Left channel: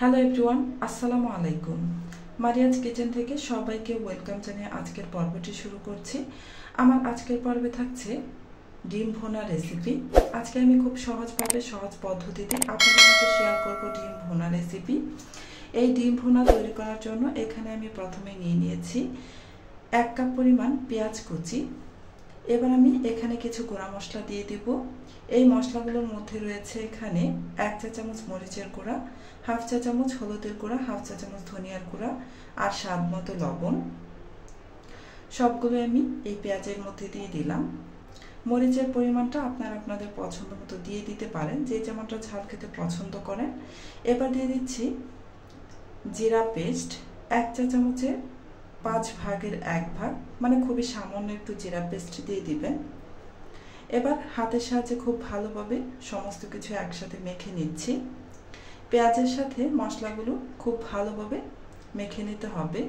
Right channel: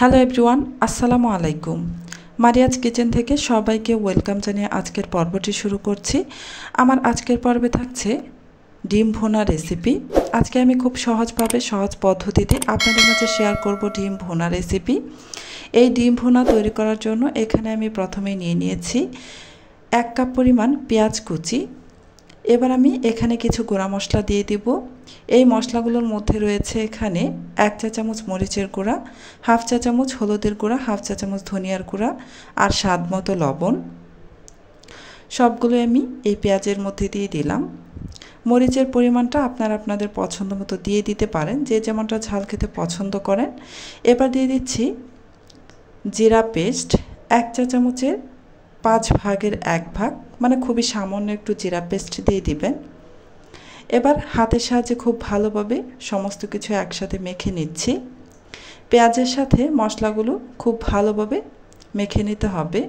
Hello everyone, আসসালামু আলাইকুম। Mariya's kitchen থেকে সবাইকে ওয়েলকাম জানিয়ে আজকের পর্বটি শুরু করছি। আমার আজকের পর্বে থাকছে ডিম ভুনা রেসিপি। আজকে আমি খুব সহজভাবে সহজ পদ্ধতিতে আপনাদের মাঝে শেয়ার করব ডিম ভুনা রেসিপি। এই ডিম ভুনা তৈরি করার জন্য এখানে আমি প্রথমে নিয়ে নিয়েছি 1 কাপ পরিমাণ পেঁয়াজ কুচি। এবার আমি এখানে কিছু গুঁড়া মশলা দিয়ে দিব। এই মশলাগুলোর মধ্যে রয়েছে এখানে 1 চা চামচ মরিচের গুঁড়া, হাফ চা চামচ হলুদের গুঁড়া, হাফ চা চামচ ধনিয়ার গুঁড়া আর স্বাদ মতো লবণ। সবগুলো আমি এই পেঁয়াজের মধ্যে দিয়ে দিলাম। মরিচের পরিমাণটা আপনারা আপনাদের পছন্দ মতো দিয়ে দিতে পারেন, যে যেমনটা ঝাল খেতে পছন্দ করেন। এবার দিয়ে দিচ্ছি জিরা পেস্ট 1 চা চামচের 5 ভাগের 1 ভাগ, মানে খুবই সামান্য একটু জিরা পেস্ট দিয়ে দিবেন। এবার হাতের সাহায্যে খুব ভালোভাবে সমস্ত কিছু একসাথে মেখে নিচ্ছি। পেঁয়াজের সাথে মশলাগুলো খুব ভালোভাবে মেখে নিতে হবে।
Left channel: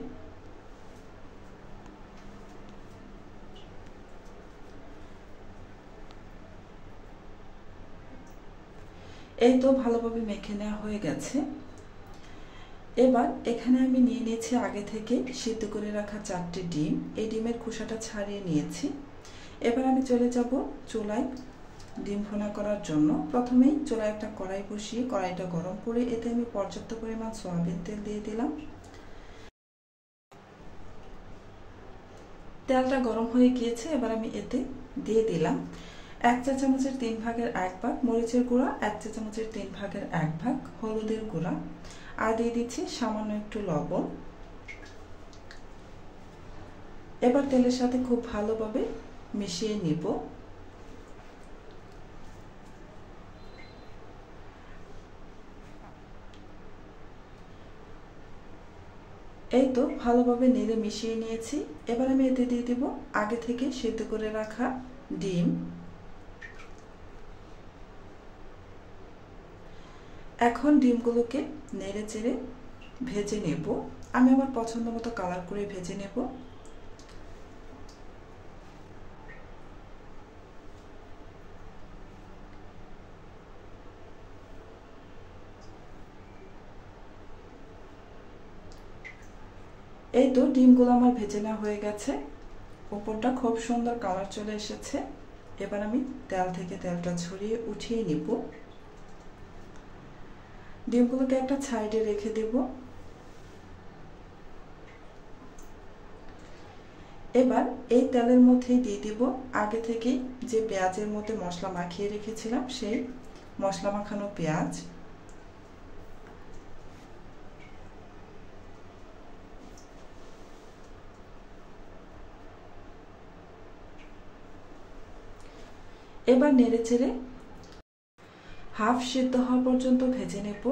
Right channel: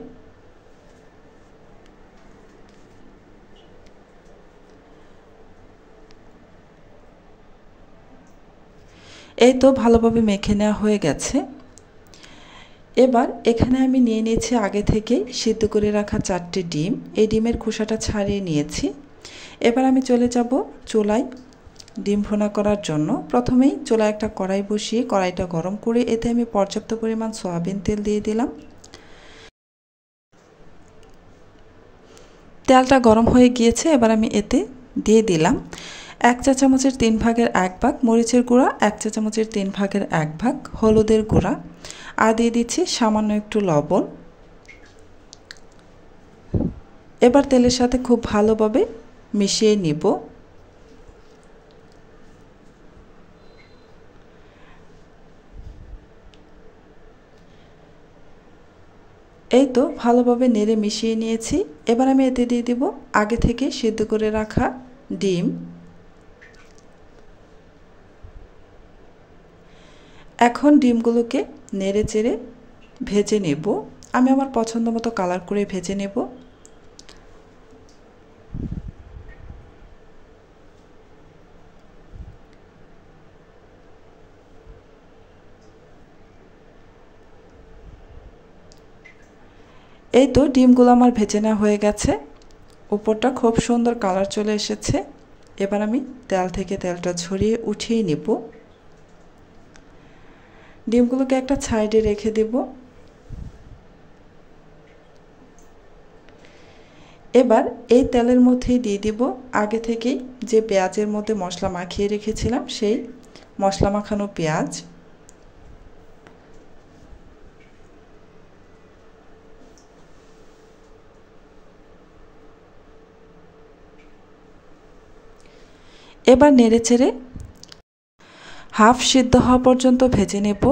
এই তো ভালোভাবে মেখে নেওয়া হয়ে গেছে। এবার এখানে আমি নিয়ে নিয়েছি আগে থেকে সিদ্ধ করে রাখা 4টি ডিম। এই ডিমের খোসাটা ছাড়িয়ে নিয়েছি। এবার আমি চলে যাব চুলায় ডিম ভুনা করার জন্য। প্রথমেই চুলায় একটা কড়াই বসিয়ে কড়াইটা গরম করে এতে আমি পর্যাপ্ত পরিমাণ সয়াবিন তেল দিয়ে দিলাম। তেলটা গরম হয়ে গিয়েছে। এবার আমি এতে দিয়ে দিলাম 1 চা চামচের 3 ভাগের 1 ভাগ মরিচের গুঁড়া, 1 চা চামচের 3 ভাগের 1 ভাগ হলুদের গুঁড়া আর দিয়ে দিচ্ছি সামান্য একটু লবণ। এবার তেলের সাথে খুব ভালোভাবে মিশিয়ে নিব। এই তো ভালোভাবে নেড়ে মিশিয়ে নিয়েছি। এবার আমি এতে দিয়ে দিব আগে থেকে সিদ্ধ করে রাখা ডিম। এখন ডিমগুলোকে নেড়ে চেড়ে ভেজে নেব। আমি আমার পছন্দ মতো কালার করে ভেজে নেব। এই তো ডিমগুলো আমার ভেজে নেওয়া হয়ে গেছে। উপরটা খুব সুন্দর কালার চলে এসেছে। এবার আমি তেল থেকে তেলটা ঝরিয়ে উঠিয়ে নেব। ডিমগুলোকে একটা সাইডে রেখে দেব। এবার এই তেলের মধ্যেই দিয়ে দিব আগে থেকেই যে পেঁয়াজের মধ্যে মশলা মাখিয়ে রেখেছিলাম সেই মশলা মাখানো পেঁয়াজ। এবার নেড়েচেড়ে হাফ সিদ্ধ হওয়া পর্যন্ত ভেজে নেব।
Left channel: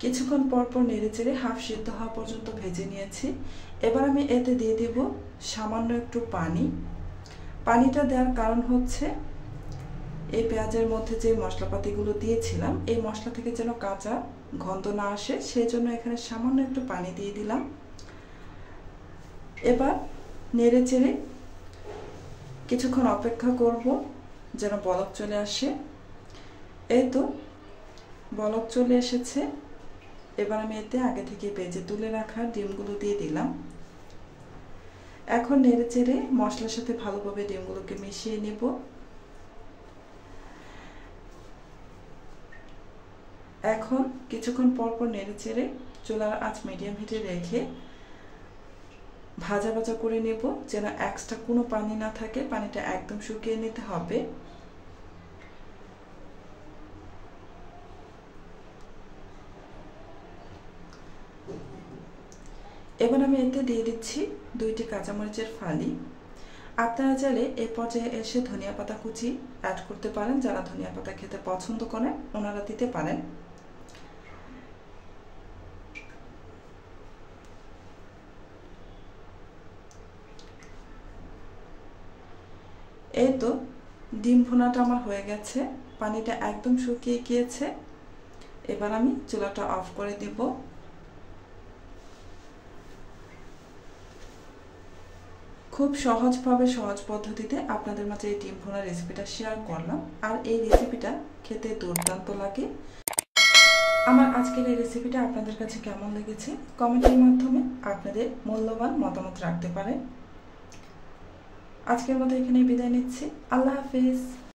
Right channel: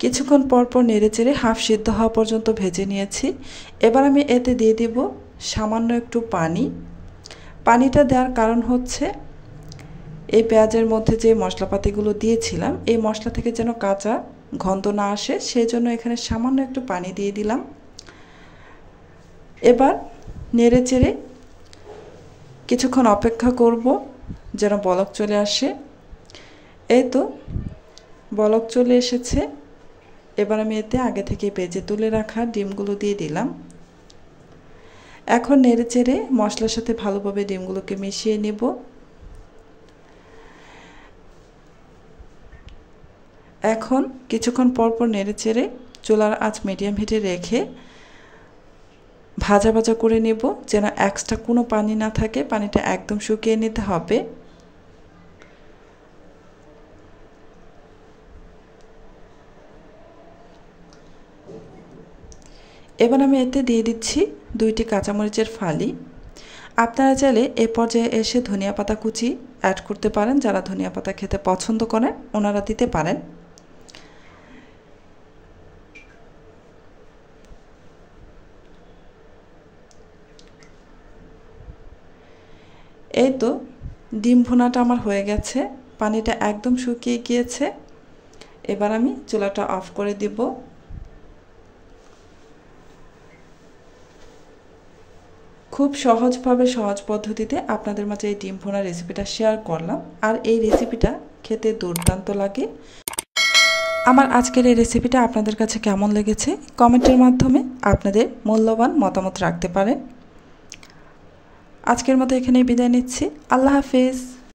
কিছুক্ষণ পরপর নেড়েচেড়ে হাফ সিদ্ধ হওয়া পর্যন্ত ভেজে নিয়েছি। এবার আমি এতে দিয়ে দেব সামান্য একটু পানি। পানিটা দেওয়ার কারণ হচ্ছে এই পেঁয়াজের মধ্যে যে মশলাপাতিগুলো দিয়েছিলাম এই মশলা থেকে যেন কাঁচা গন্ধ না আসে, সেই জন্য এখানে সামান্য একটু পানি দিয়ে দিলাম। এবার নেড়েচেড়ে কিছুক্ষণ অপেক্ষা করব যেন বলক চলে আসে। এই তো বলক চলে এসেছে। এবার আমি এতে আগে থেকে ভেজে তুলে রাখা ডিমগুলো দিয়ে দিলাম। এখন নেড়েচেড়ে মশলার সাথে ভালোভাবে ডিমগুলোকে মিশিয়ে নেব। এখন কিছুক্ষণ পরপর নেড়েচেড়ে চুলার আঁচ মিডিয়াম হিটে রেখে ভাজা ভাজা করে নেব, যেন এক্সট্রা কোনো পানি না থাকে। পানিটা একদম শুকিয়ে নিতে হবে। এবার আমি এতে দিয়ে দিচ্ছি 2টি কাঁচামরিচের ফালি। আপনারা চাইলে এ পর্যায়ে এসে ধনিয়া পাতা কুচি অ্যাড করতে পারেন। যারা ধনিয়া পাতা খেতে পছন্দ করেন ওনারা দিতে পারেন। এই তো ডিম ভুনাটা আমার হয়ে গেছে। পানিটা একদম শুকিয়ে গিয়েছে। এবার আমি চুলাটা অফ করে দিব। খুব সহজভাবে সহজ পদ্ধতিতে আপনাদের মাঝে এই ডিম ভুনা রেসিপিটা শেয়ার করলাম। আর এই রেসিপিটা খেতে দুর্দান্ত লাগে। আমার আজকের এই রেসিপিটা আপনাদের কাছে কেমন লেগেছে কমেন্টের মাধ্যমে আপনাদের মূল্যবান মতামত রাখতে পারেন। আজকের মতো এখানেই বিদায় নিচ্ছি। আল্লাহ হাফেজ।